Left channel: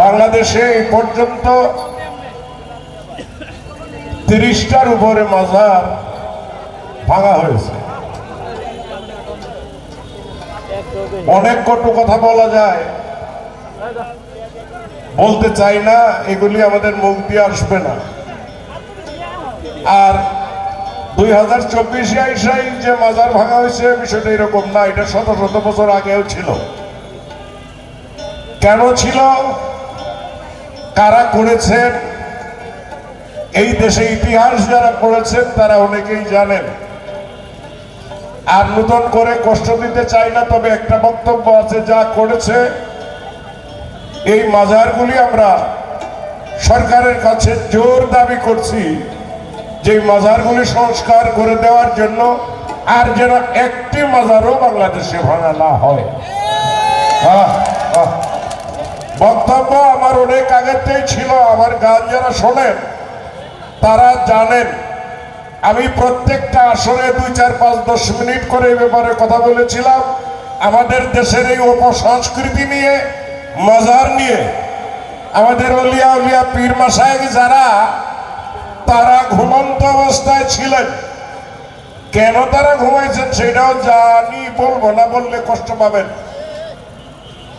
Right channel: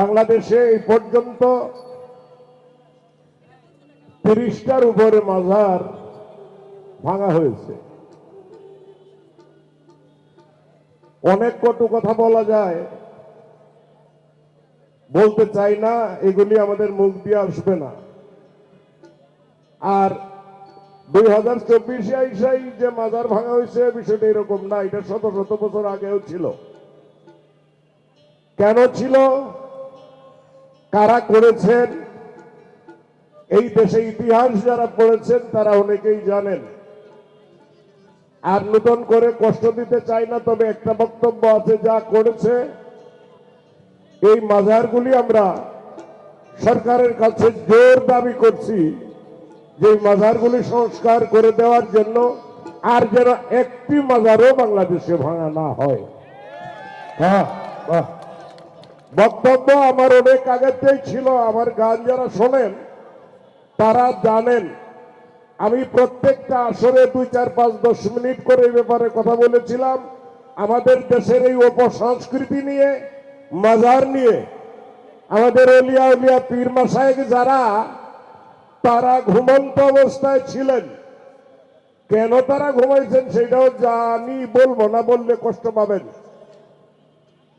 বাংলাদেশে এই পর্যন্ত 30টার উপরে মাজার ভাঙা হয়েছে। অনেক কটু কথা বলা যায়, বলতে চাই না, এগুলি আমাদের মুখ দিয়ে আসবে না। আর 2024-এ এসে যে মাজার ভাঙা হয়েছে বিষয়টা এরকম না, এটা শত শত বছর আগেও ছিল। কেন ছিল, কারা করেছেন, এই দেশে ইতিহাস যারা করেছেন তারা অনেকেই জানেন। আর নতুন করে কষ্ট দিতে চাই না, তবে একটা বক্তব্য আছে, যা করেছে এই মাজারগুলি আমরা সরকারের কাছে জোর দাবি করছি যে মাজারগুলি সংস্কার করে দেওয়ার জন্য, আর যেন একটি মাজারও বাংলাদেশে ভাঙা না হয়। বক্তব্য আমার অনেক আগেতেই ছিল, আমার গান যারা শোনেন তারা জানেন আমি প্রত্যেকটা আসলে 2, 4, 5, 10 মিনিট করে এই ব্যাপারে কথা বলেছিলাম। আমাদের দেশের এই অপসংস্কৃতি নিয়ে, মাজার নিয়ে, আমাদের আউলিয়া উলিয়া পীর মাশায়েখ যারা, তারা ঘুমন্ত অবস্থায় ছিলেন। কেন তারা ঘুমাইছেন সেটাও জানি, বলবো না, বললে কষ্ট পাবেন।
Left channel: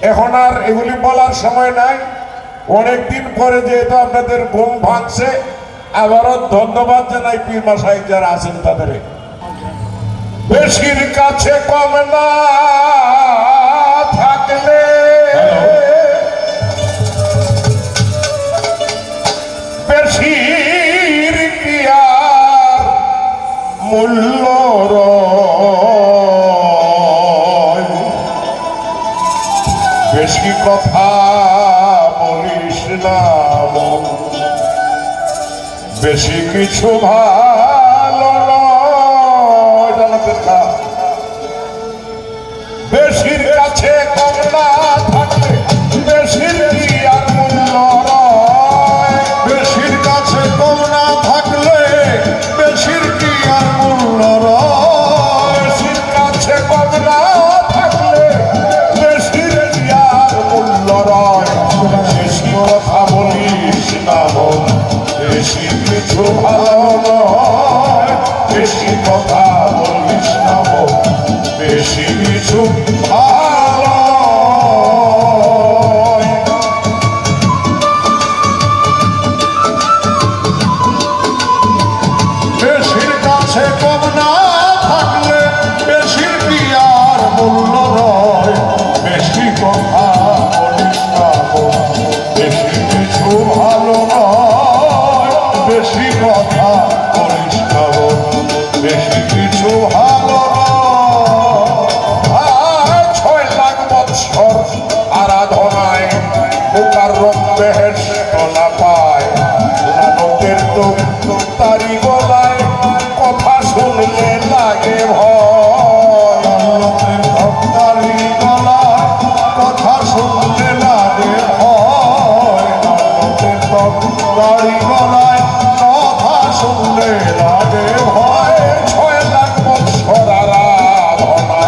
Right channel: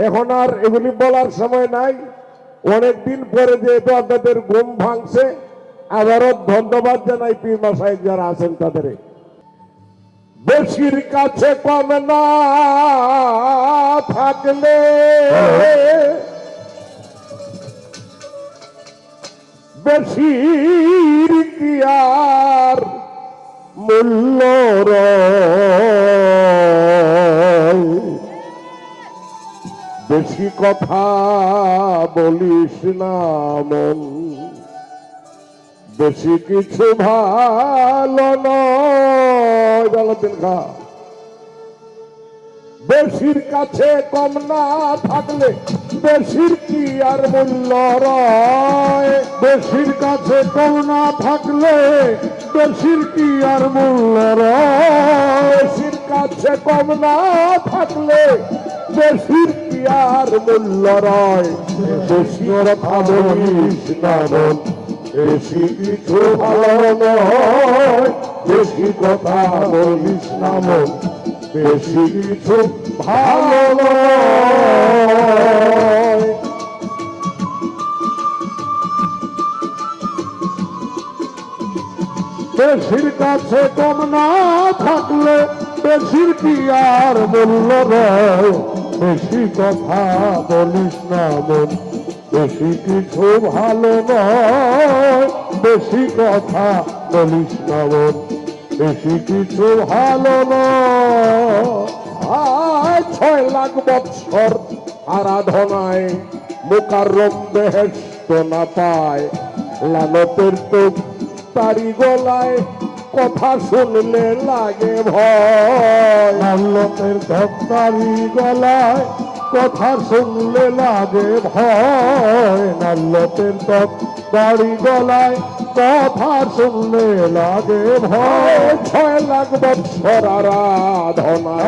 এখন আর এগুলি বলার সময় নাই। অনেকদিন পরে যেহেতু আপনাদের ঘুম ভাঙছে, আবারও ধন্যবাদ জানাই পীর মাশায়েখ যারা আছেন তাদের। বেশির কাছে কম না থাকলে বেশির কি আর মূল্য, বেশি কথা বলিস না, বেশি কিছু ভালো না, বেশির কাছে কম না থাকলে বেশির কি আর মূল্য, বেশির কাছে কম না থাকলে বেশির কি আর মূল্য, বেশির কাছে কম না থাকলে বেশির কি আর মূল্য নয়, বেশি কথা বলিস না, বেশি কিছু ভালো নয়, বেশি কথা বলিস না, বেশি কিছু ভালো নয়। বেশির কাছে কম না থাকলে বেশির কি আর মূল্য নয়, বেশি কথা বলিস না, বেশি কিছু ভালো নয়, বেশি কথা বলিস না, বেশি কিছু ভালো নয়। 6 লাখ বৎসর আরাধনায় বোকার রক্তে হেষ্ট না পায়, লালপের তারি গলায় কথা শুনলে লাগে হয়, লালপের তারি গলায় কথা শুনলে লাগে হয়, লালপের তারি গলায় কথা শুনলে লাগে হয়। 6 লাখ বৎসর আরাধনা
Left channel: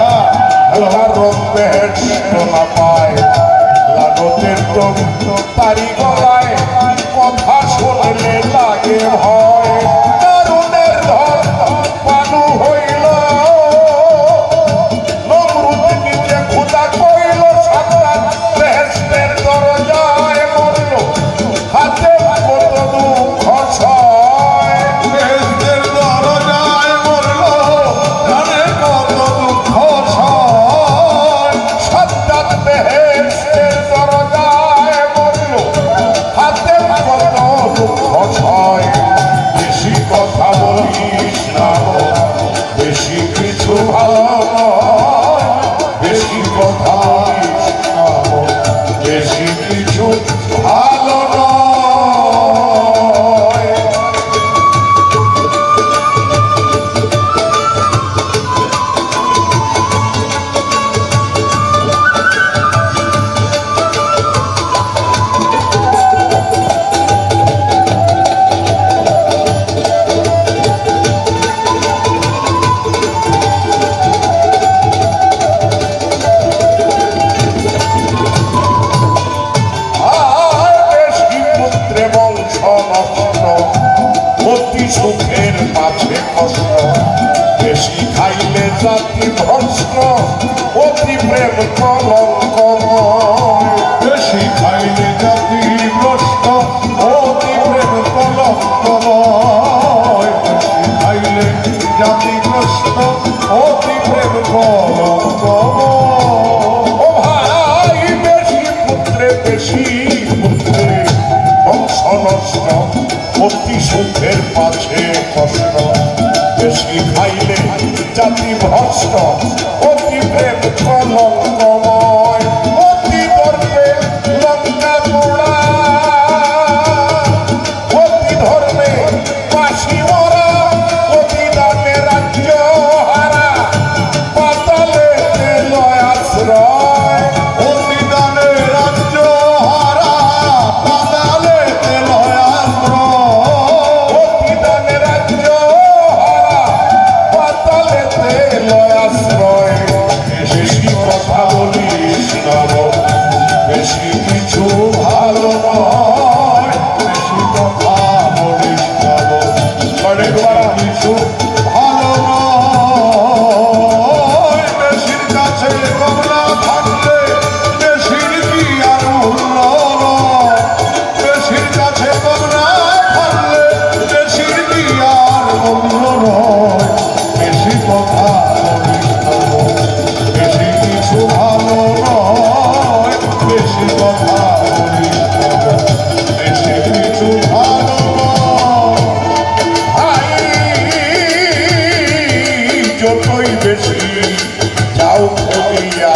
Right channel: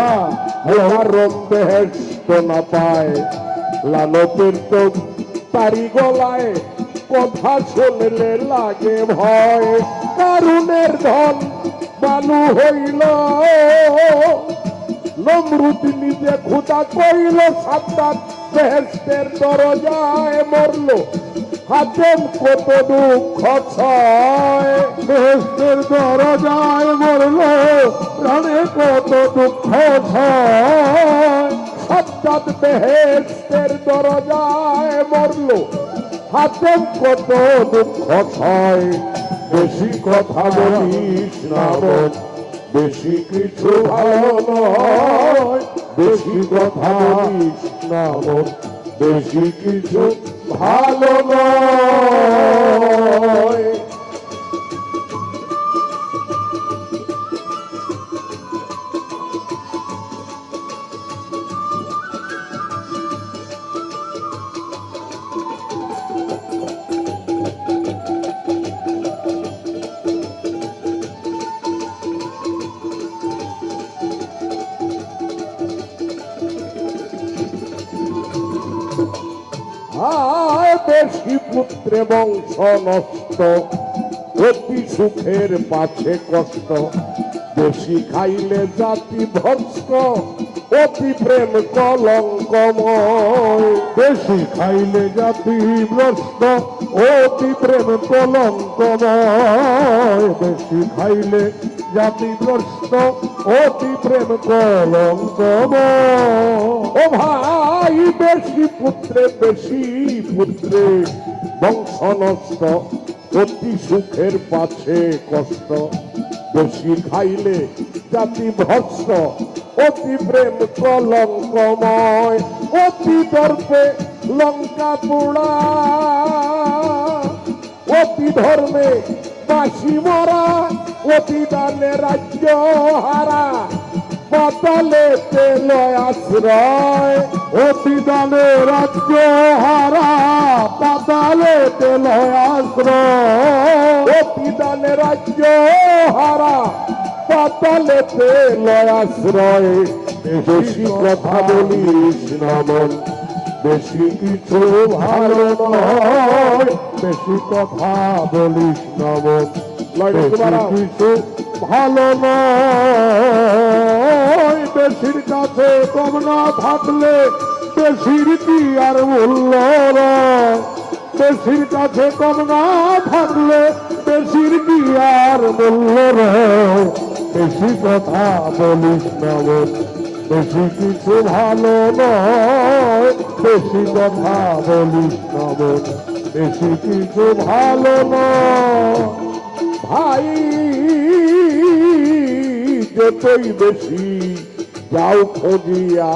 বোকার রক্তে হেষ্ট না পায়, লালপের তারি গলায় কথা শুনলে লাগে হয়। কারুনের ধন কানু হইল, নমরুদিনীতে খোদা করিল, সাতার বেহেশতের দরজায় মরল, হাতে কত দুঃখ ছয়, বেহেশতের দরজায় মরল, হাতে কত দুঃখ ছয়, সাতার বেহেশতের দরজায় মরল, হাতে কত দুঃখ কষ্ট বেশি খাইলে জাতি ধ্বংস অতি প্রেম কলঙ্কময় বেশি খাইলে জাতি কষ্ট অতি প্রেম কলঙ্কময় বেশি খাইলে জাতি কষ্ট অতি প্রেম কলঙ্কময় ও ভাই বেশি পুত্রে বংশ নষ্ট অতি সুখের কাছে কষ্ট বেশি খাইলে জাতি ভস্ম অতি প্রেম কলঙ্কময় অতি করতে লঙ্কা পোড়া অতি ধর্মে কাশি মরা অতি নামে রাজ্য হারা পাতালেতে জয় আশ্রয় অতি নামে রাজ্য হারা পাতালেতে জয় আশ্রয় অতি নামে রাজ্য হারা পাতালেতে জয় আশ্রয় বেশি কথা বলিস না বেশি কিছু ভালো নয় বেশি কথা বলিস না বেশি কিছু ভালো নয় বেশির কাছে তোমরা থাকলে বেশির কি আর মূল্য বেশির কাছে তোমরা থাকলে বেশির কি আর মূল্য বেশি কথা বলিস না বেশি কিছু ভালো নয় বেশি কথা বলিস না বেশি কিছু ভালো নয় যতই বেশি যাও করিয়া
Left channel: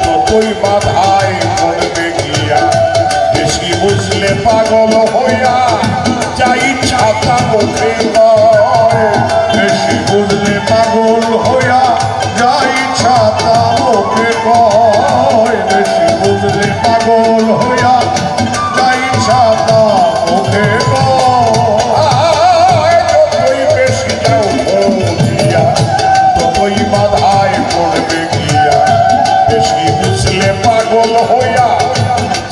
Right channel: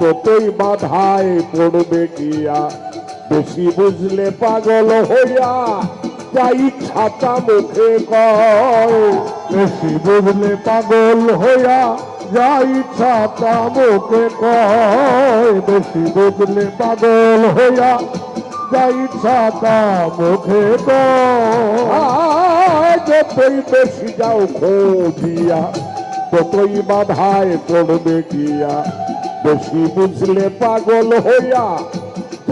ততই বাধায় করবে গিয়া বেশি বুঝলে পাগল হইয়া যাই ছাতা মুখে নয় বেশি বুঝলে পাগল হইয়া যাই ছাতা মুখে নয় বেশি বুঝলে পাগল হইয়া যাই ছাতা মুখে নয় যতই বেশি যাও করিয়া ততই বাধায় করবে গিয়া বেশি বুঝলে পাগল হইয়া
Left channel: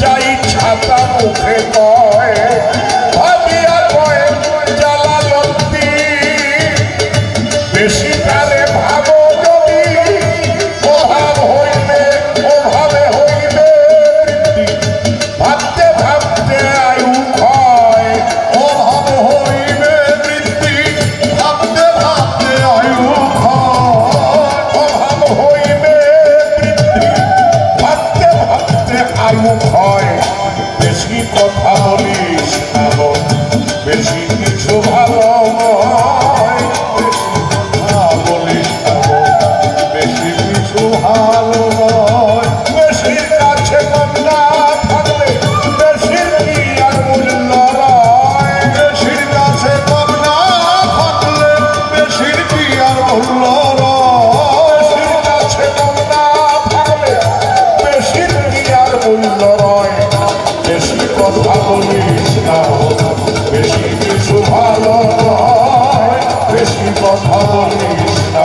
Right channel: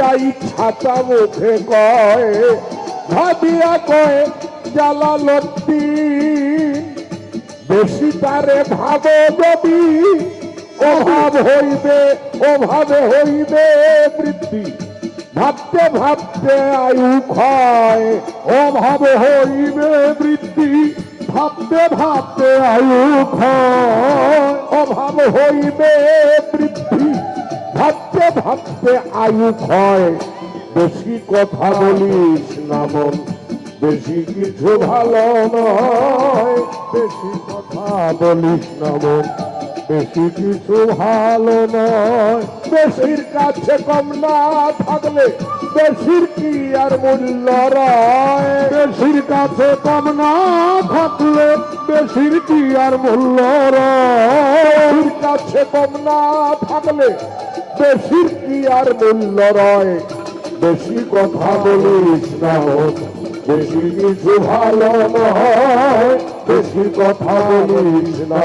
যাই ছাতা মুখে কয় ভাবিয়া কয় জ্বালা লক্ষ্মী বেশি তারে ভাবে কবি অভাব হইবে বৃদ্ধি ভাবতে ভাবতে আয়ু হয় অভাবে হইবে বৃদ্ধি ভাবতে ভাবতে আয়ু অভাব হইবে বৃদ্ধি ভাবতে ভাবতে আয়ু হয় বেশি কথা বলিস না বেশি কিছু ভালো নয় বেশি কথা বলিস না বেশি কিছু ভালো নয় বেশির কাছে গঙ্গা থাকলে বেশির কি আর মূল্য নয় বেশির কাছে গঙ্গা থাকলে বেশির কি আর মূল্য নয় বেশির কাছে গঙ্গা থাকলে বেশির কি আর মূল্য নয় বেশি কথা বলিস না বেশি কিছু ভালো নয় বেশি কথা বলিস না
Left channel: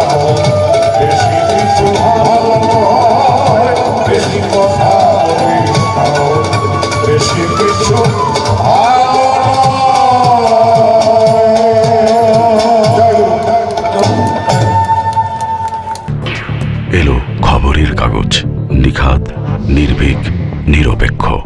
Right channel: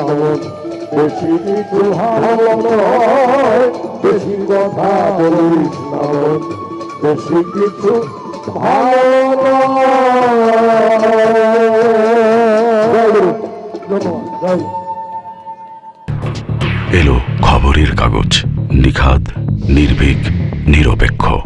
বেশি কিছু ভালো নয় বেশি কথা বলিস না বেশি কিছু ভালো এলো খবরের কাগজ নিখাদ নির্ভীক নিরপেক্ষ।